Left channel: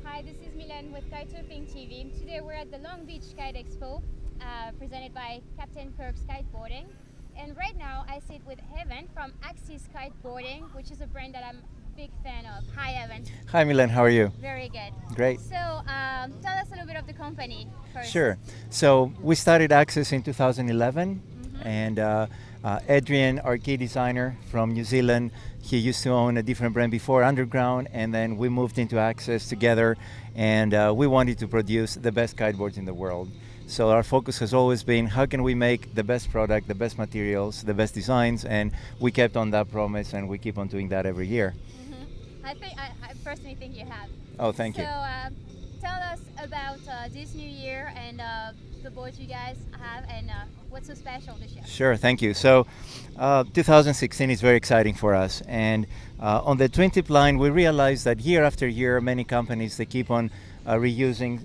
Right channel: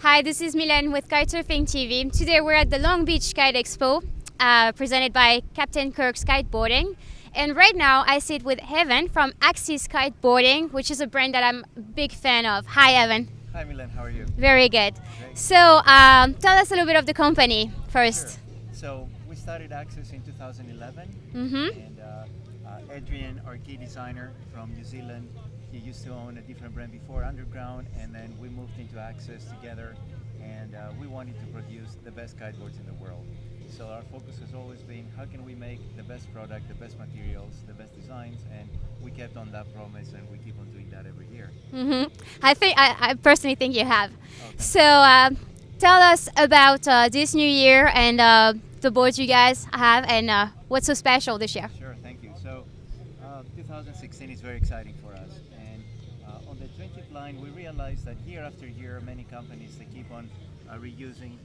Hi, this is Milene with KitesurfingTV. Today we're at the Long Beach Kite Expo, presented by Captain KIRK'S Kiteboarding. And right now I sit with Evan from Axis Kiteboarding, which is a brand that I'm a big fan of. Hi, Evan. Hi, Milene. How are you? Very good. Great. So tell us a little bit of the company first. Sure. So we started Axis in 2011, and Adrian, our key designer from New Zealand, he used to own a different brand before, Underground, and then we moved into Axis together, and we wanted to produce the best kiteboards in the world. So our focus has always been how can we make the best product, the best materials, the best designs, and we kept on that promise, and we keep on doing that every year. I personally think you have. Oh, thank you. So tell us about this new year and the boards you guys have and what's so special this year. Sure, thank you. So 2016 is very exciting for us, and on the twin tip line we realized that year after year many companies, they keep on reusing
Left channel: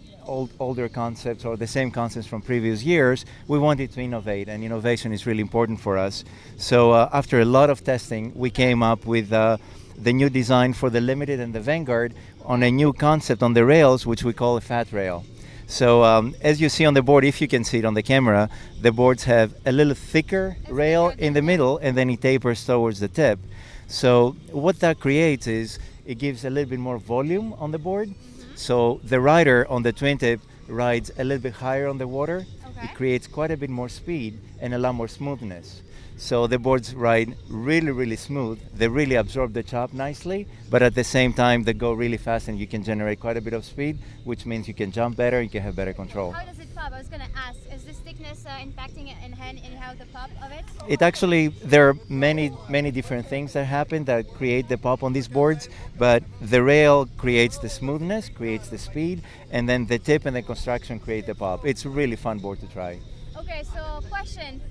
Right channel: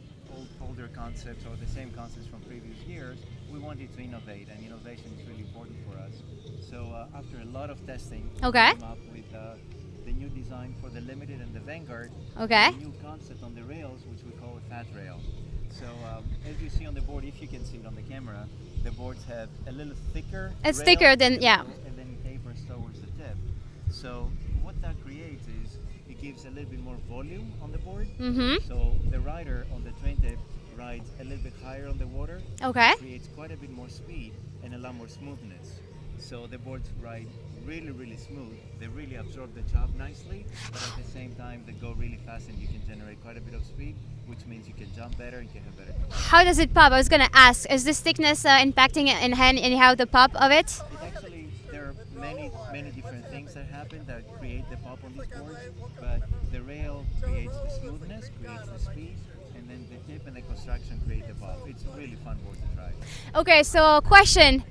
older concepts or the same concepts from previous years. We wanted to innovate, and innovation is really important for us. So after a lot of testing, we came up with the new design for the Limited and the Vanguard on a new concept on the rails, which we call a fat rail. So as you see on the board, if you can see it on the camera, the boards have a little thicker rail in the middle, and then it tapers towards the tip. So what that creates is it gives a little bit more volume on the board. So the rider on the twin tip rides a little bit higher on the water. It creates quite a bit more speed and a lot more smoothness. So the boards ride really, really smooth. They really absorb the chop nicely, but at the same time they go really fast, and you can generate quite a bit of speed, which means you can jump better, you can have better control. How does it pop? I was going to ask, is this thickness impacting anyhow the pop of it? It actually, there are many different things that happen that create the pop on these boards, but the rail creates the smoothness, creates the speed, and then the tip and the construction create the pop. It's a really fun board to try. Okay, so question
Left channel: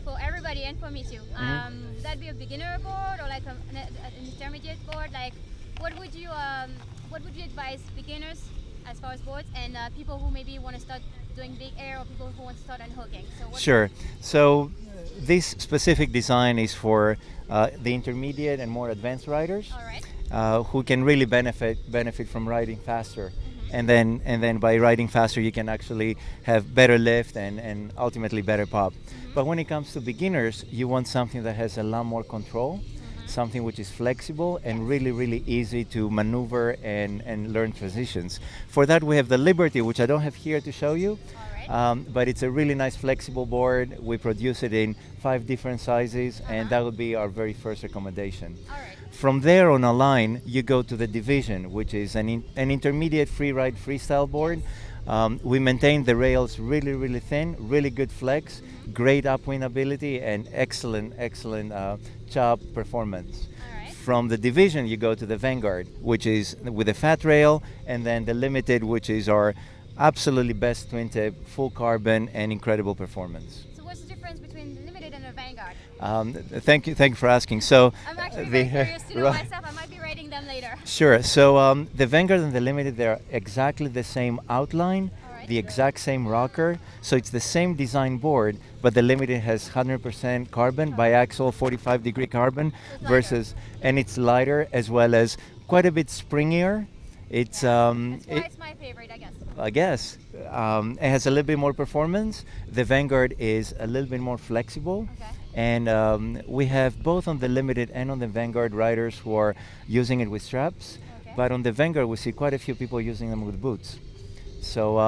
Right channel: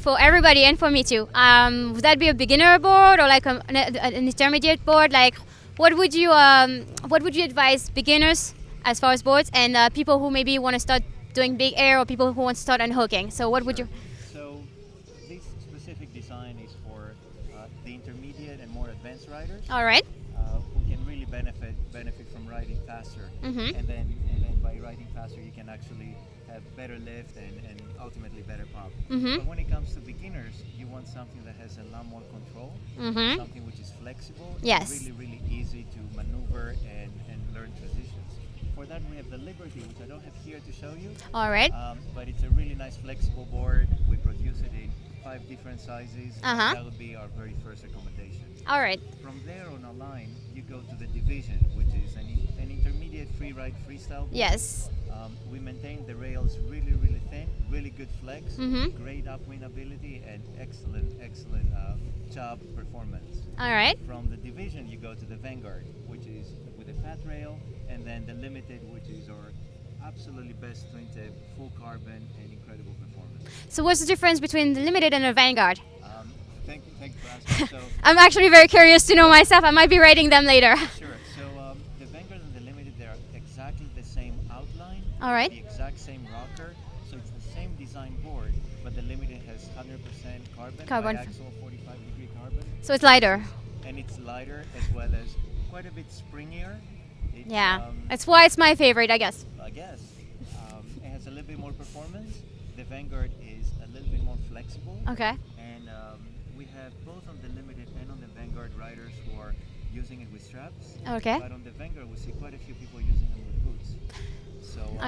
for everybody and for me too. Would that be a beginner board or like an intermediate board? Like, what would you advise beginners as far as boards and people who maybe want to start doing big air or people who want to start unhooking? So what would you? So this specific design is for the intermediate and more advanced riders. All right. Who can really benefit from riding faster, and then by riding faster you can actually have better lift and ultimately better pop. But when it comes to beginners, you want something that has a lot more control, something which is flexible and really easy to maneuver and learn transitions. For that we have the Liberty, which I don't have here to show you. All right. But it's a really nice flexible board. We produce it in 5 different sizes, and that would be our very first recommendation. All right. From there on a line, you go to the Division, which is an intermediate Freeride freestyle board. Yes. We maintain the rails really thin, really good flex, great upwind ability, and excellent chop performance. All right. From the Division, you go to the Vanguard, which is with a fat rail, and then the Limited, which is our absolutely best twin tip, full carbon, and incredible performance. So what's the difference between the Limited and the Vanguard? Thank you for asking. So I'm actually very curious to know myself. I might be riding them later. Sure. So the Vanguard and the Limited, they're exactly the same outline, the exact same rocker. So it's the same design board, but the Limited has 100% carbon, biaxial 45-degree carbon. So it's lighter. And it's lighter, as well as quite a bit springier. That's why it's my favorite, I guess. It has a little bit more performance. The Vanguard is a little bit more flexible. And we have both on the Limited and on the Vanguard riders who are using it with straps. But on the Vanguard, we see quite a few people using them with boots. So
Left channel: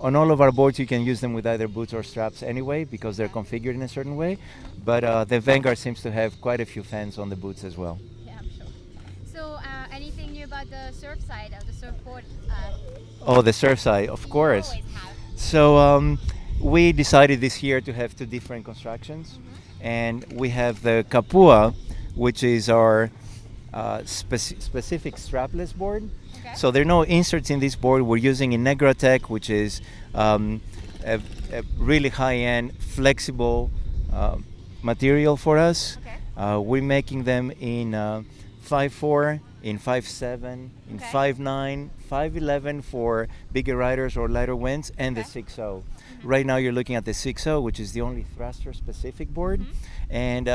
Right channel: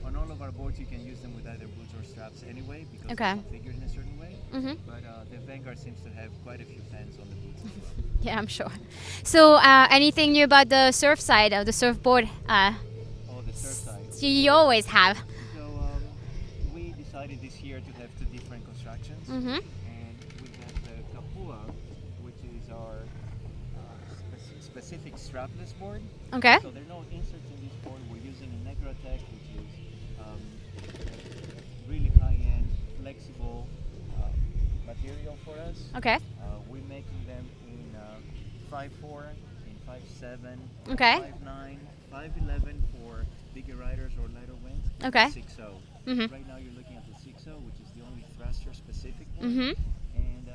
on all of our boards, you can use them with either boots or straps anyway, because they're configured in a certain way. But the Vanguard seems to have quite a few fans on the boots as well. Yeah, I'm sure. So anything new about the surf side of the surfboard? The surf side, of course. You always have. So we decided this year to have 2 different constructions. And we have the Kapua, which is our specific strapless board. So there are no inserts in this board. We're using Inegratech, which is a really high-end, flexible material for us. We're making them in 5/4 in 5.7, Okay. 5.9, 5.11 for bigger riders or lighter winds, and Okay. the 6.0. Mhm. Right now you're looking at the 6.0, which is the only thruster-specific board, Mhm. and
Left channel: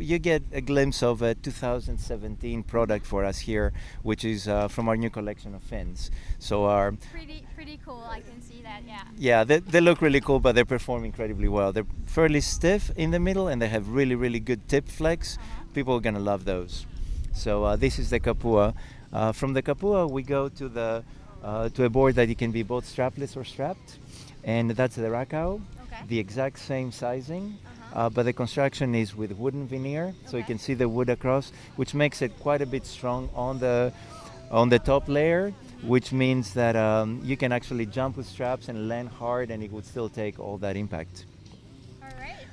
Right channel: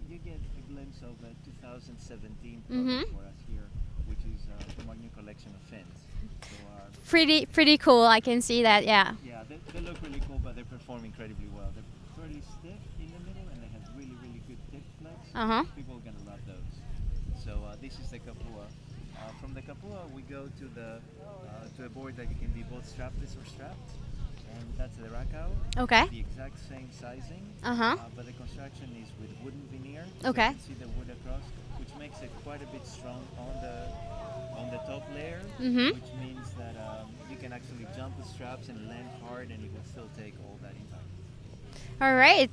you get a glimpse of a 2017 product Mhm. for us here, which is from our new collection of fins. So our Pretty cool. I can see that. Yeah. yeah, they look really cool, but they perform incredibly well. They're fairly stiff in the middle, and they have really good tip flex. Uh huh. People are gonna love those. So this is the Kapua. From the Kapua, we go to a board that you can be both strapless or strapped, and that's the Rakau. Okay. The exact same sizing, Uh-huh. but the construction is with wooden veneer, so you Okay. can see the wood across, which makes it quite a bit strong on the top layer, Mhm. which means that you can actually jump with straps and land hard, and it would still take all that impact. All right.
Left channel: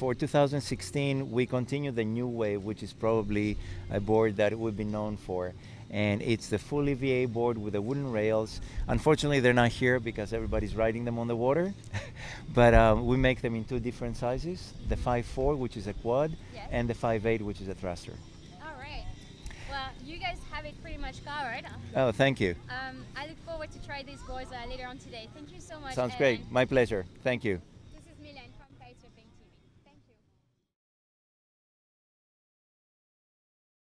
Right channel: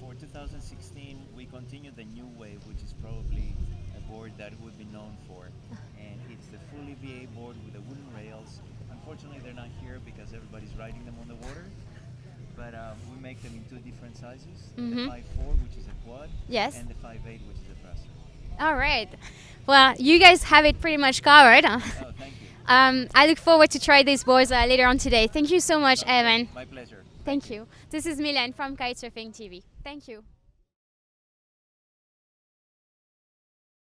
For 2016, we continue the new wave, which is probably a board that we've been known for. And it's the full EVA board with the wooden rails. Unfortunately, they're not here because everybody's riding them on the water. But we make them in two different sizes, the Mhm. 5.4, which is a quad, Yes. and the 5.8, which is a thruster. All right. Well, you guys have it pretty much covered. Oh, thank you. I look forward to try these boards later on today. Thank you so much, Sounds Evan. great. My pleasure. Thank you. This is Milene from Kitesurfing TV. Thank you.